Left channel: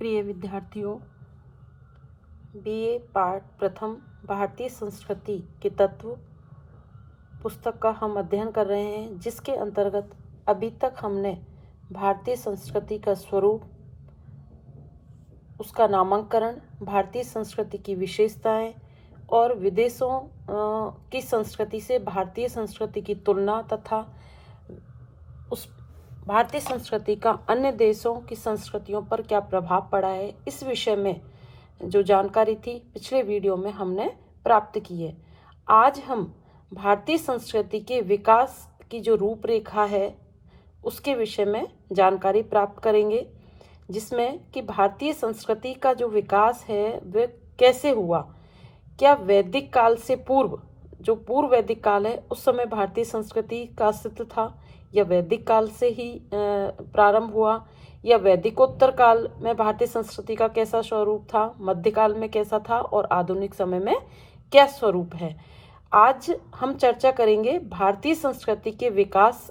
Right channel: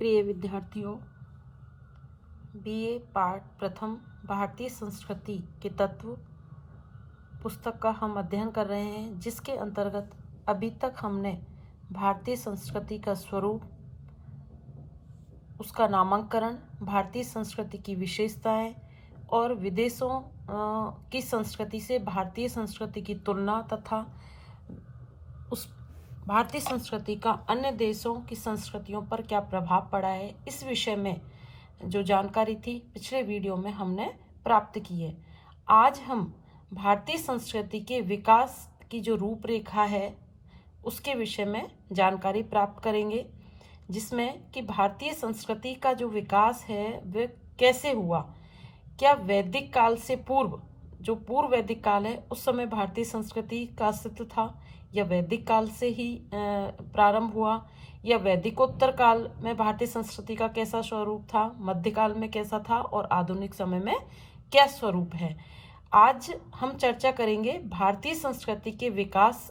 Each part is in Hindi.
प्रिय विद्यार्थियों, बीए पाठ प्रथम भारतीय संस्कृति के तत्व पुस्तक का हम अध्ययन कर रहे हैं, जिसके अंतर्गत अभी तक हमने भारतीय संस्कृति का स्वरूप, उसका नामकरण, भारतीय संस्कृति की विशेषताएं और विदेशों की संस्कृति से भारतीय संस्कृति की तुलना तथा उस भारतीय संस्कृति का अन्य देशों की संस्कृतियों पर क्या प्रभाव पड़ा है, इस विषय में जो जानकारी थी पिछले वीडियो में हमने प्राप्त की है। आज हम भारतीय संस्कृति के विकास की जो रूपरेखा है उसके विषय में जानकारी प्राप्त करेंगे, जिसमें कि भारतीय संस्कृति का जो विकास है वह कैसे हुआ। क्या वैदिक काल से पूर्व, जो पूर्व वैदिक काल है, उस समय भारतीय संस्कृति का अस्तित्व था, या वैदिक काल से ही प्रारंभ हुआ, या वैदिकोत्तर काल में भारतीय संस्कृति का कैसा स्वरूप था, मध्यकाल में कैसा था और आधुनिक समय में क्या स्वरूप है। आज हम चर्चा करेंगे भारतीय संस्कृति के विकास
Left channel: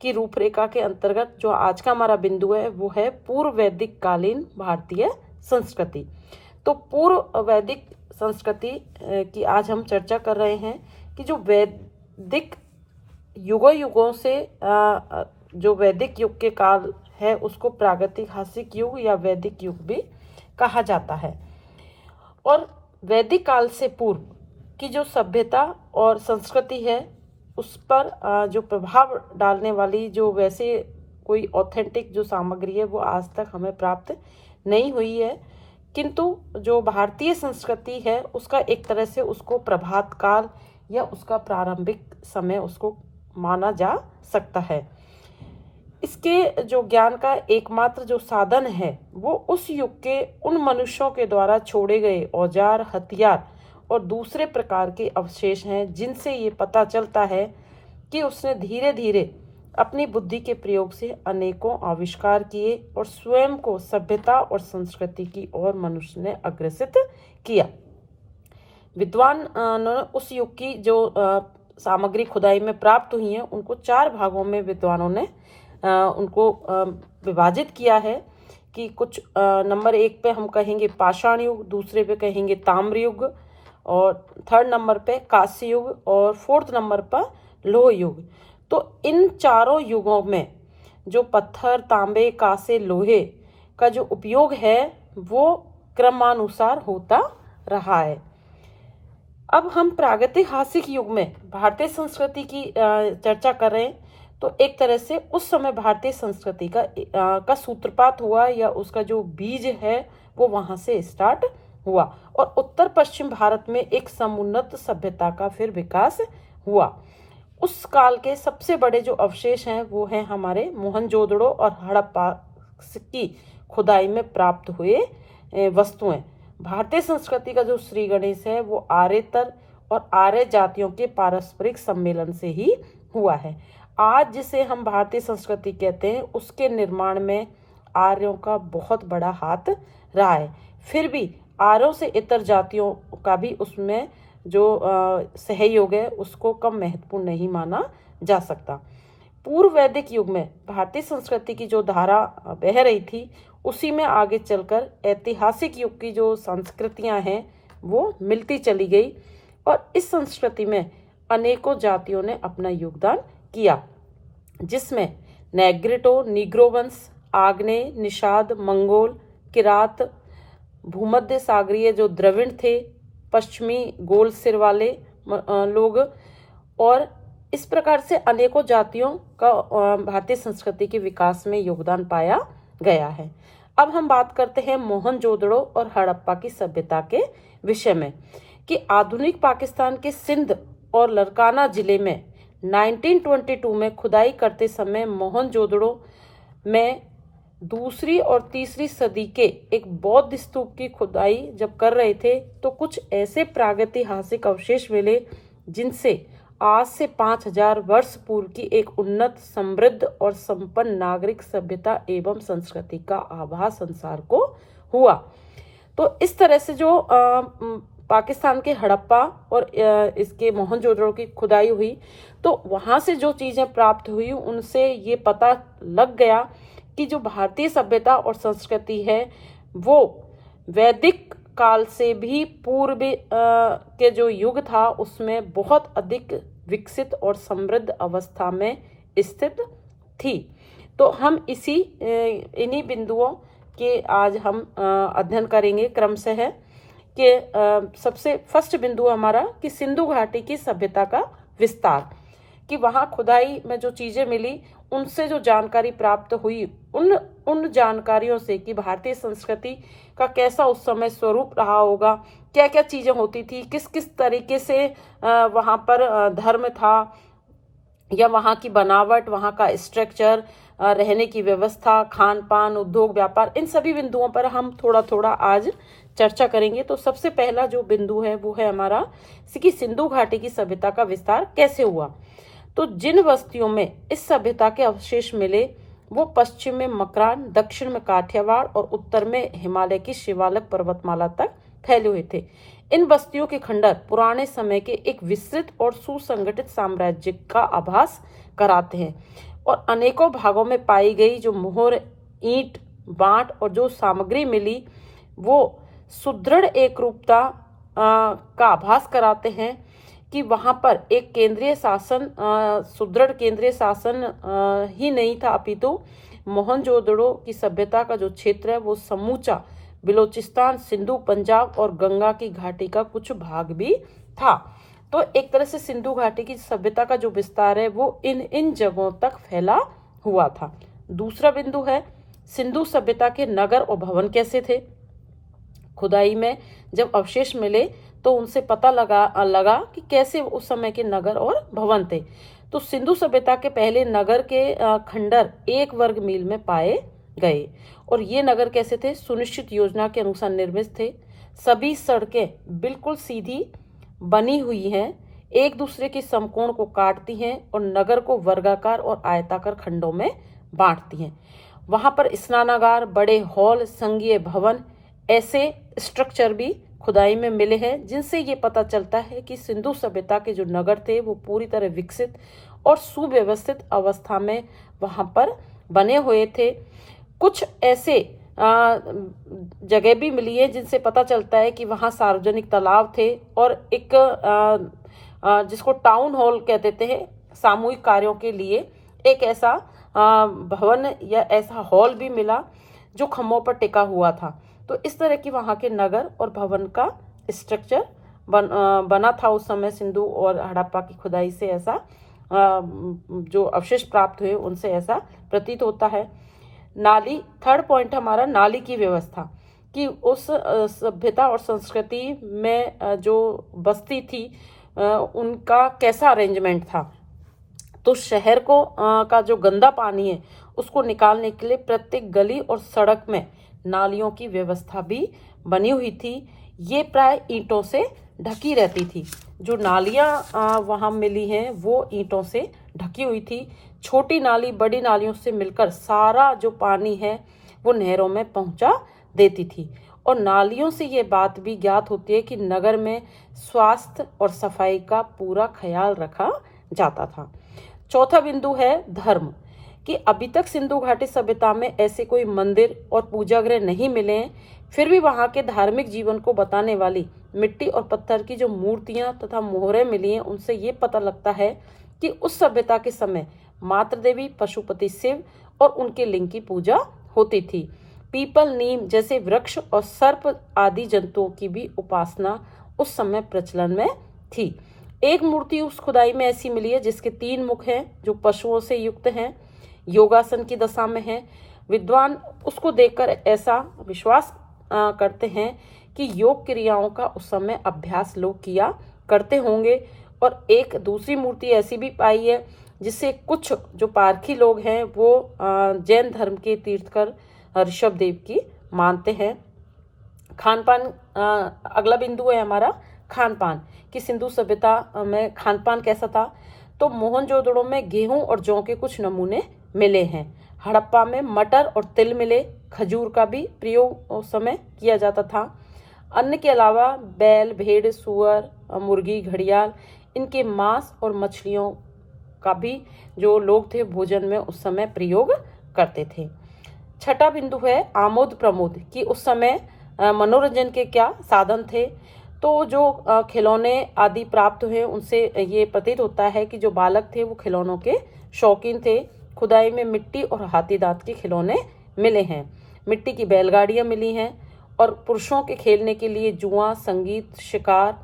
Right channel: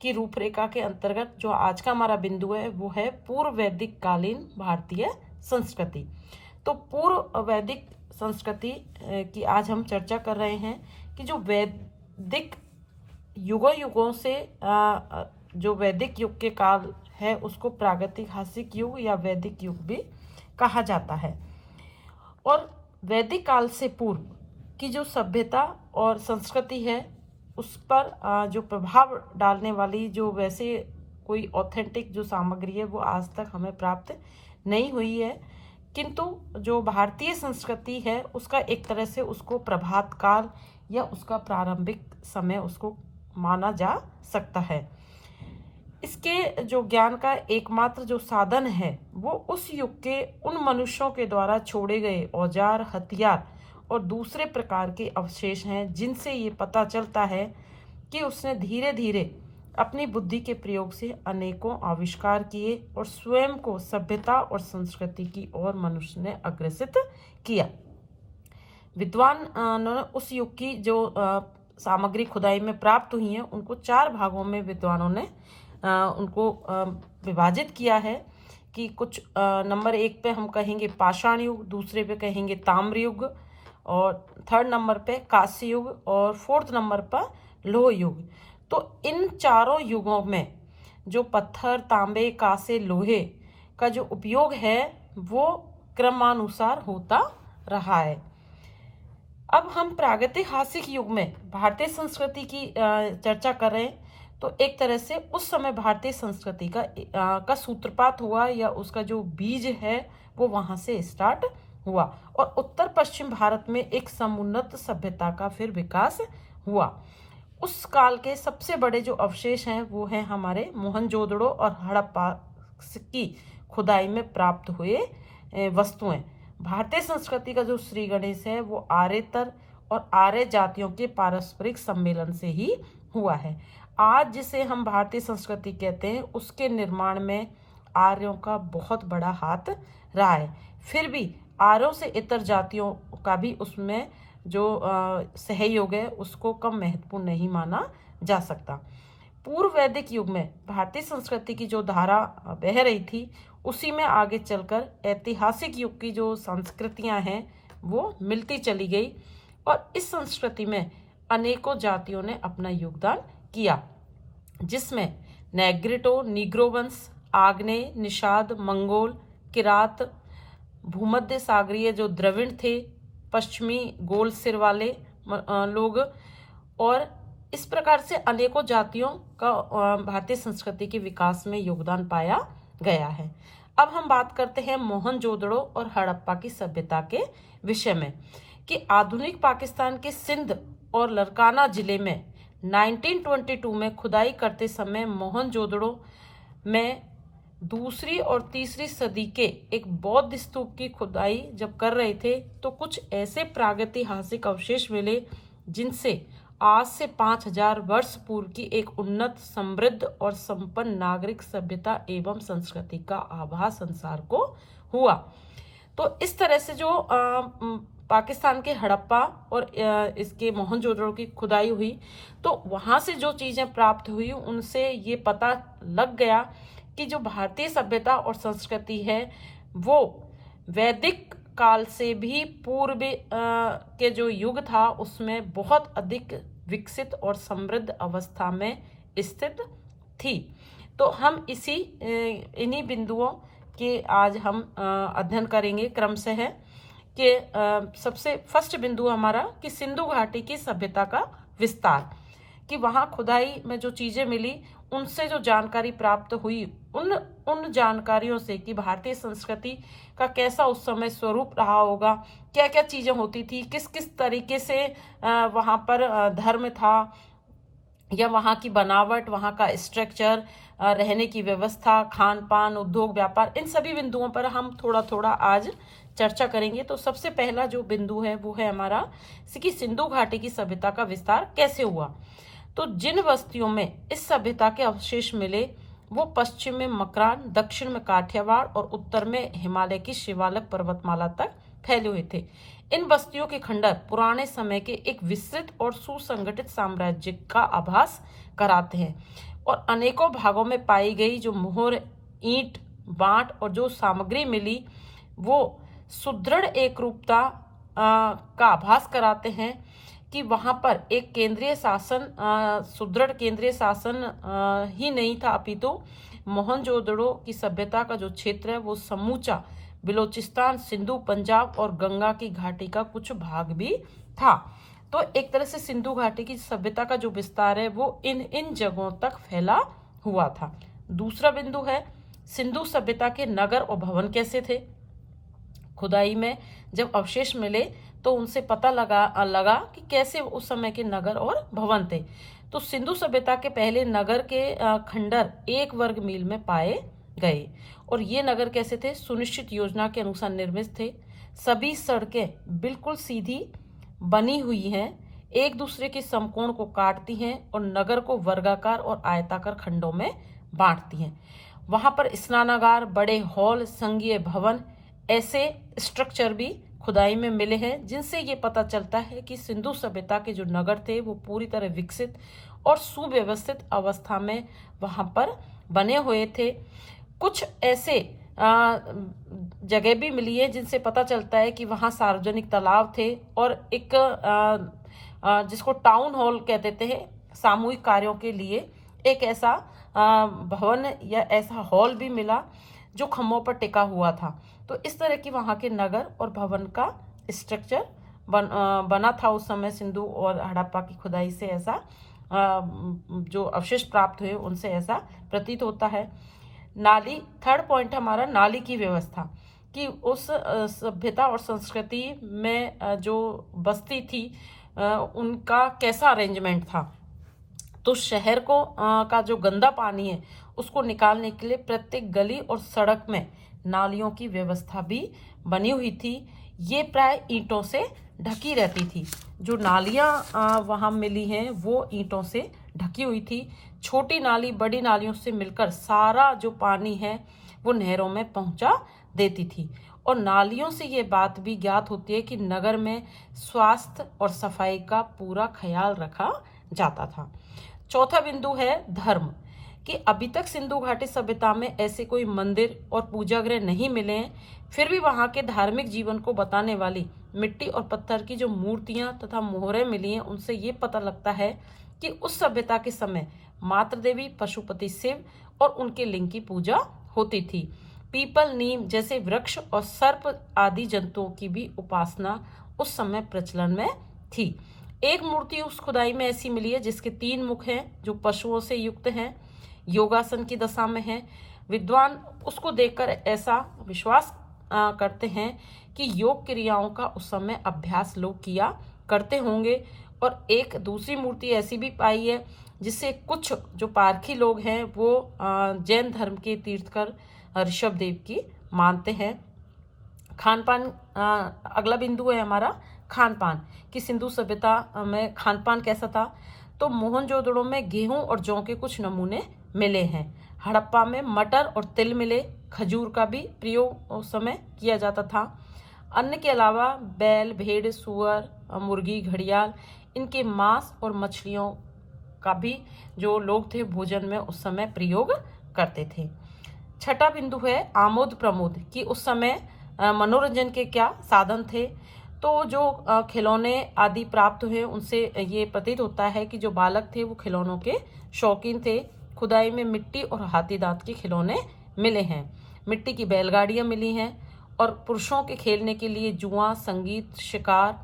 की रूपरेखा के अंतर्गत। जो आज का हमारा बिंदु है वो है पूर्व वैदिक कालीन भारतीय संस्कृति। तो पूर्व वैदिक संस्कृति की आज हम चर्चा कर रहे हैं कि जो वैदिक युगों से जो वैदिक युग के काल है उसको प्रागैतिहासिक युग या वैदिक युग भी कहा जाता है। और वैदिक काल से पूर्व की जो सभ्यता और संस्कृति है उस पर जो प्रभाव डालने वाली जो वैसे कोई ऑथेंटिक जो सामग्री है वो आज तक हमें प्राप्त नहीं हुई है, किंतु जो भारतीय संस्कृति है उसका एक तरह से उसको प्रभात काल या उसका प्रारंभिक समय उसको माना जा सकता है। इसके जो ज्ञान का एकमात्र जो साधन है वो उस युग के उन मनुष्यों के द्वारा छोड़े गए औजार, हथियार और दूसरे प्रकार के अवशेष हैं, जिनसे ये पता चलता है कि उसने धीरे धीरे अपनी बुद्धि के प्रयोग से अनेकों आविष्कार किए और स्वयं को सभ्यता और संस्कृति की ओर मनुष्य ने अग्रसित किया। विद्वान उस युग की जो सामग्री खुदाई में प्राप्त हुई है उनको 4 भागों में विद्वानों ने उनको विभाजित किया है कि कुछ नंबर 1 पे हम कहेंगे पाषाण युग, दूसरे पे कहेंगे ताम्र युग, और 3rd नंबर पे कांस्य युग और 4th नंबर पर लोह युग। तो इन चारों युगों में जो पत्थर, तांबे, कांसे, लोहे का जो उपयोग है वो क्रमानुसार होता रहा है। अब हम प्रागैतिहासिक युग में भारतीय संस्कृति की चर्चा कर रहे हैं। तो एक तरह से उस समय भारतीय संस्कृति का सूत्रपात हुआ या उसका जो बीज है वो वहां से स्टार्ट हुआ और उत्तर पश्चिम भारत में एक समुन्नत सभ्यता का फिर विकास हुआ। उस काल के सबसे बड़े जो अवशेष हैं वो हैं हमारे मोहनजोदड़ो और हड़प्पा की खुदाई में प्राप्त हुए वस्तुएं। भारतीय संस्कृति का जो श्री गणेश है वो आर्यतर और आर्य जातियों के पारस्परिक सम्मेलन से ही हुआ है। आज जिसे हम भारतीय संस्कृति कहते हैं उसके निर्माण में आर्यों का बहुत बड़ा हाथ रहा है। फिर भी आर्यों से इतर जातियों का भी उसमें जो सहयोग है उसको कम महत्वपूर्ण नहीं माना जा सकता। पूर्व वैदिक युग में भारतीय संस्कृति की जो धारा बह रही थी उसी में आगे चलकर ऐतिहासिक युग की जो संस्कृतियां हैं वो मिलती चली गई और इस संस्कृति में अनेकों जातियों ने अपना योगदान किया, जिसमें नीग्रो वंश, आग्नेय, निषाद, मंगोल, किरात, भूमध्य सागरीय जो द्रविड़ थे, पश्चिमी गोल सिर वाले लोग, और इस प्रकार से अनेकों जातियों का भारतीय संस्कृति के विकास में योगदान पाया गया है। अब हम बात करते हैं मोहनजोदड़ो और हड़प्पा की सभ्यता के विषय में कि आधुनिक पाकिस्तान के सिंध और लरकाना जिले में 1922 में खुदाई करते समय मोहनजोदड़ो में 2री और 3री सदी के एक बौद्ध स्तूप की खुदाई जब कर रहे थे तो कुछ ऐसे प्रागैतिहासिक अवशेष मिले जिनसे आज से 5000 वर्ष पूर्व की एक उन्नत, समृद्ध और संपन्न नागरिक सभ्यता एवं संस्कृति का आभास संसार को हुआ। तो इस तरह से जो पाकिस्तान के हड़प्पा और इसके मोहनजोदड़ो की खुदाई हुई तो वहां से जो चीजें प्राप्त हुई उनसे ये पता लग गया कि जो भारतीय सभ्यता और संस्कृति है वो वैदिक काल से भी पूर्व के जो युग था उसमें बहुत अधिक विकसित और समृद्ध अवस्था में स्थित थी। तो हम इन्हीं बिंदुओं के आज हम अध्ययन करेंगे क्रमशः कि सबसे फर्स्ट बिंदु हमारा कि सिंधु घाटी की सभ्यता का विस्तार, कि वहाँ खुदाई में जो चीज़ें मिली उनसे जो जानकारी प्राप्त हुई, उन जानकारियों से कि भारतीय संस्कृति का कैसा उस समय स्वरूप रहा होगा, क्या क्या चीज़ें होती थी, किस किस तरीके से वहाँ पर धर्म था, या वहाँ की बनावट, वहाँ का स्ट्रक्चर, रहने की व्यवस्था, खान पान, उद्योग व्यापार, इन सभी बिंदुओं पर हम थोड़ा थोड़ा आज चर्चा करेंगे। तो सबसे पहला जो बिंदु है वो है हमारा कि सिंधु घाटी की सभ्यता का विस्तार कैसे हुआ। तो जिन बस्तियों में इस सभ्यता के अवशेष मिले वो पश्चिम में मकरान, दक्षिण में काठियावाड़ और उत्तर में हिमालय की शिवालिक पर्वतमाला तक फैले हुए थे। इन बस्तियों के खंडर पुराने समय के एक विस्तृत और सुसंगठित साम्राज्य का आभास कराते हैं और अनेकों भागों में पाई गई जो मोहर, ईंट, बांट और जो सामग्री मिली वो सुदृढ़ एकरूपता का आभास कराते हैं कि वहाँ पर एक केंद्रीय शासन, सुदृढ़ केंद्रीय शासन ही नहीं था, अपितु मोहनजोदड़ो की सभ्यता का जो क्षेत्र है वो समूचा बलूचिस्तान, सिंधु, पंजाब और गंगा की घाटी का कुछ भाग भी था। तो एक तरह से सिंधु घाटी की सभ्यता का जो विस्तार है वो इन जगहों तक फैला हुआ था। दूसरा बिंदु है सिंधु सभ्यता के नगर और भवन कैसे थे। खुदाई में जब अवशेष मिले तो उनसे पता लगा कि कैसे उस समय के नगर और भवन थे। तो सिंधु सभ्यता के पहले नगर के खंडर 1 वर्ग मील में पाए गए और ये नगर कैसे थे, सुनिश्चित योजना के अनुसार निर्मित थे। सभी सड़कें बिल्कुल सीधी बनी हुई हैं, एक दूसरे के समकोण को काटती हैं और नगर को वर्गाकार और आयताकार खंडों में बांटती हैं। वहां पर स्नानागार, बड़े हॉल, संघीय भवन, ऐसे स्ट्रक्चर भी खुदाई में मिले हैं जिनसे ये पता चलता है कि सिंधु सभ्यता के जो नगर थे वो पूरी तरह विकसित और सुव्यवस्थित अवस्था में वहां पर बने हुए थे। कुछ ऐसे जगह भी मिली है जिनसे पता चलता है कि वहाँ सार्वजनिक तालाब थे और एक जिसको टाउन हॉल कहते थे, सामूहिक कार्यों के लिए एक ऐसा भवन या ऐसा हॉल भी मिला जो खम्भों पर टिका हुआ था। तो इस तरह की वहाँ के नगर और भवन का स्ट्रक्चर बना था उस समय। सिंधु और हड़प्पा की खुदाई से ऐसा जो अवशेष प्राप्त हुए उनसे ऐसा प्रतीत होता है। नाली, थर्ड पॉइंट हमारा नाली की व्यवस्था, कि उस सभ्यता और संस्कृति में जो बस्ती थी उनका कैसा अरेंजमेंट था। तो शहर को का जो गंदा पानी है उसको निकालने के लिए प्रत्येक गली और सड़क में नालियों की व्यवस्था भी बनी हुई थी। ये प्राय ईंटों से ढकी रहती थी। जो नालियाँ वहाँ मिली हैं वो ईंटों से ढकी हुई थी। छोटी नाली बड़ी नालियों से मिलकर सारा जो पानी है वो नहरों में पहुंचा देती थी। और नालियों से ये बात भी ज्ञात होती है कि नगर में स्वास्थ्य और सफाई का पूरा ख्याल रखा जाता था। चौथा बिंदु है धर्म, कि अभी तक सिंधु घाटी सभ्यता में ऐसे कोई मंदिर और पूजागृह नहीं मिले हैं, फिर भी वहाँ के धार्मिक जीवन को बताने वाली मिट्टी और पत्थर की जो मूर्तियां तथा मोहरें मिली हैं उनसे ये पता लगता है कि उस सभ्यता के समय मातृ देवी, पशुपति शिव और उनके लिंग की पूजा होती थी। पीपल, नीम जैसे वृक्ष और सर्प आदि जंतुओं की भी उपासना उस समय प्रचलन में थी। एक मूर्ति उस खुदाई में ऐसी मिली है जिसके 3 मुख हैं, जो पशुओं से युक्त हैं, योगासन की दशा में है। विद्वान उसको देखकर ऐसा विश्वास करते हैं कि योग क्रियाओं का उस समय अभ्यास लोग किया करते होंगे। और एक दूसरी मूर्ति ऐसी भी पाई है जिससे कुछ जो पारखी लोग हैं वो जैन धर्म के तीर्थकर ऋषभ देव की मानते हैं। खान पान, अगला बिंदु है हमारा खान पान, कि सिंधु सभ्यता में खान पान कैसा था। तो मोहनजोदड़ो में गेहूं और जौ के कुछ नमूने मिले हैं। हड़प्पा में मटर और तिल मिले। खजूर का भी प्रयोग उस समय किया जाता था। अन्न के अलावा बैल, भेड़, सुअर, मुर्गी, घड़ियाल, इनके मांस और मछलियों का भी जो लोग थे भोजन में उस समय प्रयोग करते थे। छठा बिंदु है आमोद प्रमोद, कि उस समय मनोरंजन के क्या साधन थे। तो जो खिलौने आदि प्राप्त हुए उनसे ये प्रतीत होता है कि जो बालक थे वो खिलौनों के शौकीन थे। खुदाई में मिट्टी और हाथी दांत के खिलौने मिले हैं, मिट्टी की बैलगाड़ियां मिली हैं, और पुरुषों के खेलने के लिए जुआ, संगीत, शिकार,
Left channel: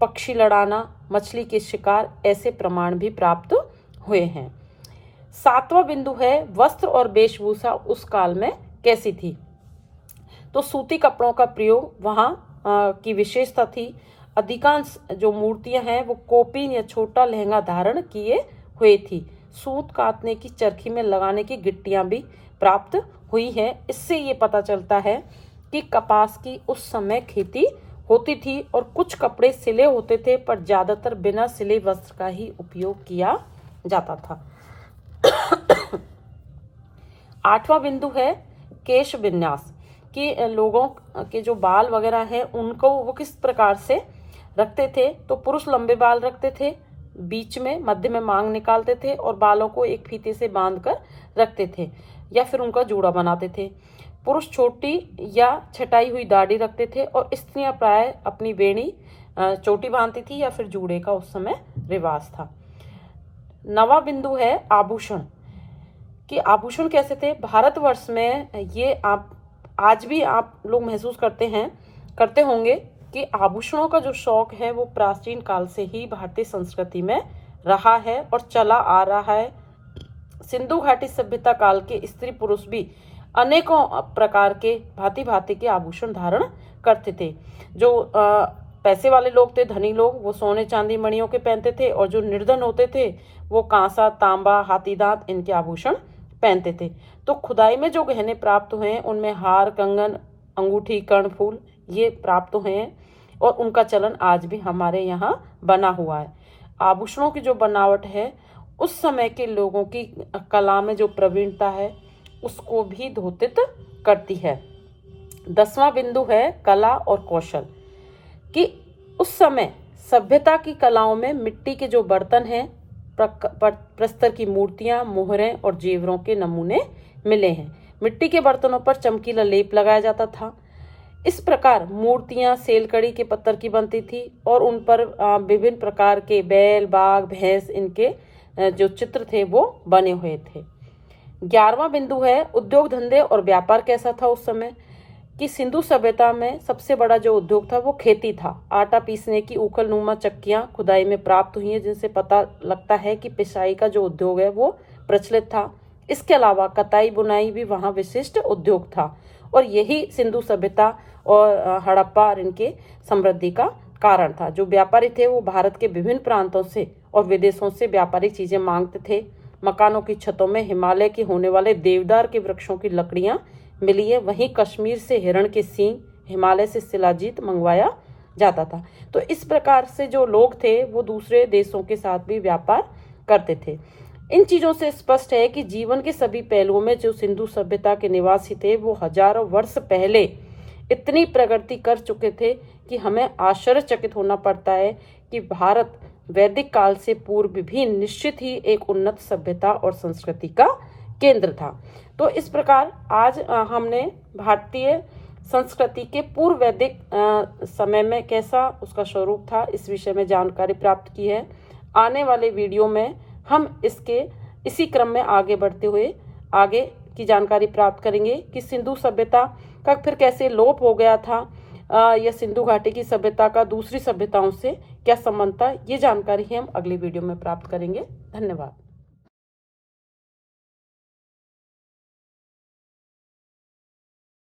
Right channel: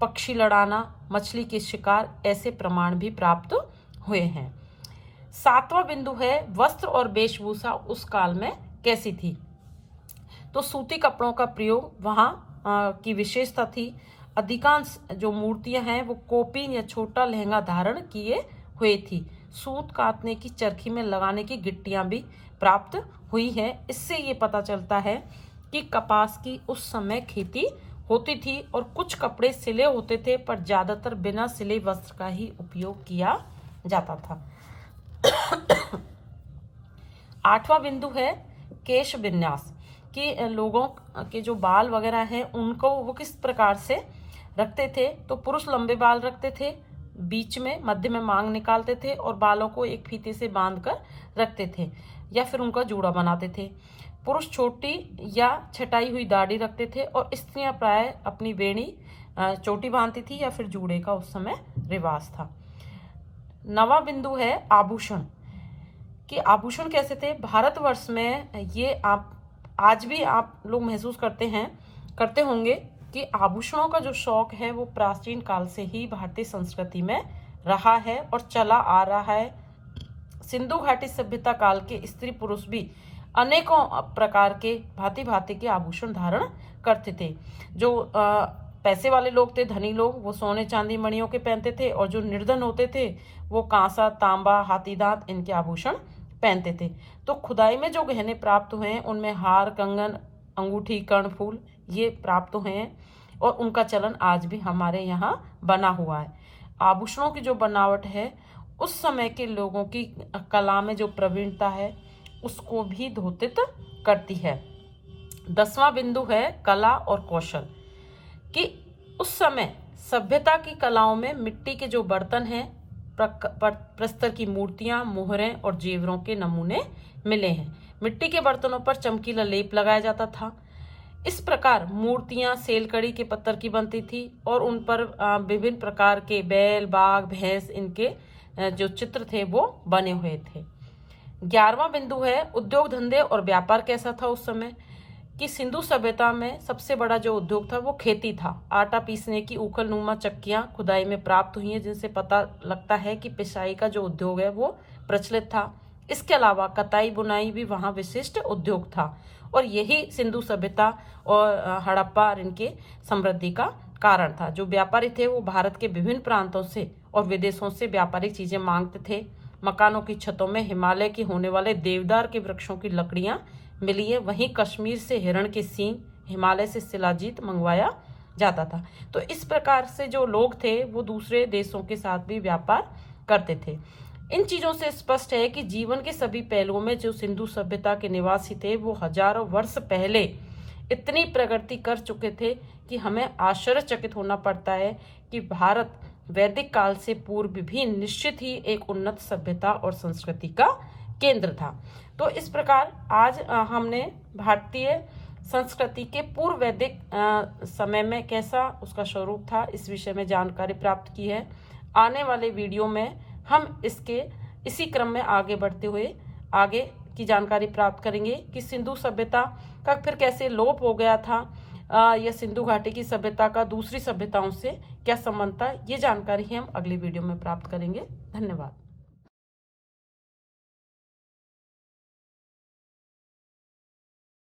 पक्षी लड़ाना, मछली के शिकार, ऐसे प्रमाण भी प्राप्त हुए हैं। सातवां बिंदु है वस्त्र और वेशभूषा उस काल में कैसी थी। तो सूती कपड़ों का प्रयोग वहां की विशेषता थी। अधिकांश जो मूर्तियां हैं वो कोपी या छोटा लहंगा धारण किए हुए थी। सूत काटने की चरखी में लगाने की गिट्टियां भी प्राप्त हुई है। इससे ये पता चलता है कि कपास की उस समय खेती होती थी, और कुछ कपड़े सिले होते थे, पर ज्यादातर बिना सिले वस्त्र का ही उपयोग किया जाता था। आठवां बिंदु है केश विन्यास, कि लोगों के जो बाल वगैरह हैं उनको वो किस प्रकार से रखते थे। तो पुरुष लंबे बाल रखते थे, बीच में मध्य में मांग निकालते थे, और बालों को एक फीते से बांध कर रखते थे या फिर उनका जूड़ा बनाते थे। पुरुष छोटी या छटाई हुई दाढ़ी रखते थे, और स्त्रियां प्राय अपनी बेणी चोटी बांधती थी या फिर जूड़े का उस समय रिवाज था। नवा बिंदु है आभूषण, कि आभूषण कैसे थे। भारतवर्ष में ये आप आज भी आप लोग महसूस करते होंगे कि आभूषणों का जो शौक है वो प्राचीन काल से ही भारतीय संस्कृति में रहा है और चला आ रहा है। सिंधु घाटी सभ्यता काल के स्त्री पुरुष भी अनेकों प्रकार के भांति भांति के आभूषण धारण करते थे। जो पैसे वाले लोग थे, धनी लोग, वो सोने चांदी मणियों के पहनते थे, और जो निर्धन होते थे वो कांसा, तांबा, हाथी दांत इनके आभूषण पहनते थे। तो खुदाई में जो गहने प्राप्त हुए हैं उनमें हार, कंगन, अंगूठी, कर्णफूल ये प्राप्त हुए हैं, और उनका चलन आज भी हमारे यहाँ बना हुआ है। आभूषणों की जो बनावट है उस समय के लोगों की कला में जो प्रवीणता है उसको भी द्योतित करती है। 10वां बिंदु है कला और कौशल, कि उस समय सभ्यता की कलाओं में मिट्टी के जो बर्तन हैं, प्रस्तर की मूर्तियां, मोहरें और जेवरों के नमूने मिले हैं। मिट्टी के बर्तनों पर चमकीला लेप लगाया जाता था। इस प्रकार मूर्तियां सेलकड़ी के पत्थर की बनती थी, और उन पर विभिन्न प्रकार के बैल, बाघ, भैंस इनके जो चित्र थे वो बने हुए थे। 11वां बिंदु है उद्योग धंधे और व्यापार कैसा था उस समय, कि सिंधु सभ्यता में सबसे बड़ा जो उद्योग था वो खेती था। आटा पीसने की उखल नुमा चक्कियां खुदाई में प्राप्त हुई हैं, जिनसे पता लगता है कि पिसाई का जो उद्योग है वो प्रचलित था। इसके अलावा कताई बुनाई भी वहाँ विशिष्ट उद्योग था, और यही सिंधु सभ्यता और हड़प्पा इनके समृद्धि का कारण था। जो व्यापारी थे वो भारत के विभिन्न प्रांतों से और विदेशों से व्यापारिक चीजें मांगते थे। मकानों की छतों में हिमालय के होने वाले देवदार के वृक्षों की लकड़ियां मिली है। वहीं कश्मीर से हिरण के सींग, हिमालय से शिलाजीत मंगवाया जाता था। तो इस प्रकार से जो लोग थे वो दूसरे देशों के साथ भी व्यापार करते थे। इन चीजों से स्पष्ट है कि जीवन के सभी पहलुओं में जो सिंधु सभ्यता के निवासी थे वो हजारों वर्ष पहले इतनी प्रगति कर चुके थे कि हमें आश्चर्यचकित होना पड़ता है कि भारत वैदिक काल से पूर्व भी निश्चित ही एक उन्नत सभ्यता और संस्कृति का केंद्र था। तो इस प्रकार आज हमने भारतीय संस्कृति के पूर्व वैदिक समय में कैसा उसका स्वरूप था इस विषय में जानकारी प्राप्त की है। आने वाले वीडियो में हम इसी क्रम में आगे बढ़ते हुए आगे की जानकारी प्राप्त करेंगे कि सिंधु सभ्यता का फिर कैसे लोप हो गया था, या सिंधु घाटी की सभ्यता का दूसरी सभ्यताओं से क्या संबंध था। ये जानकारी हम अगली वीडियो में प्राप्त करेंगे। धन्यवाद।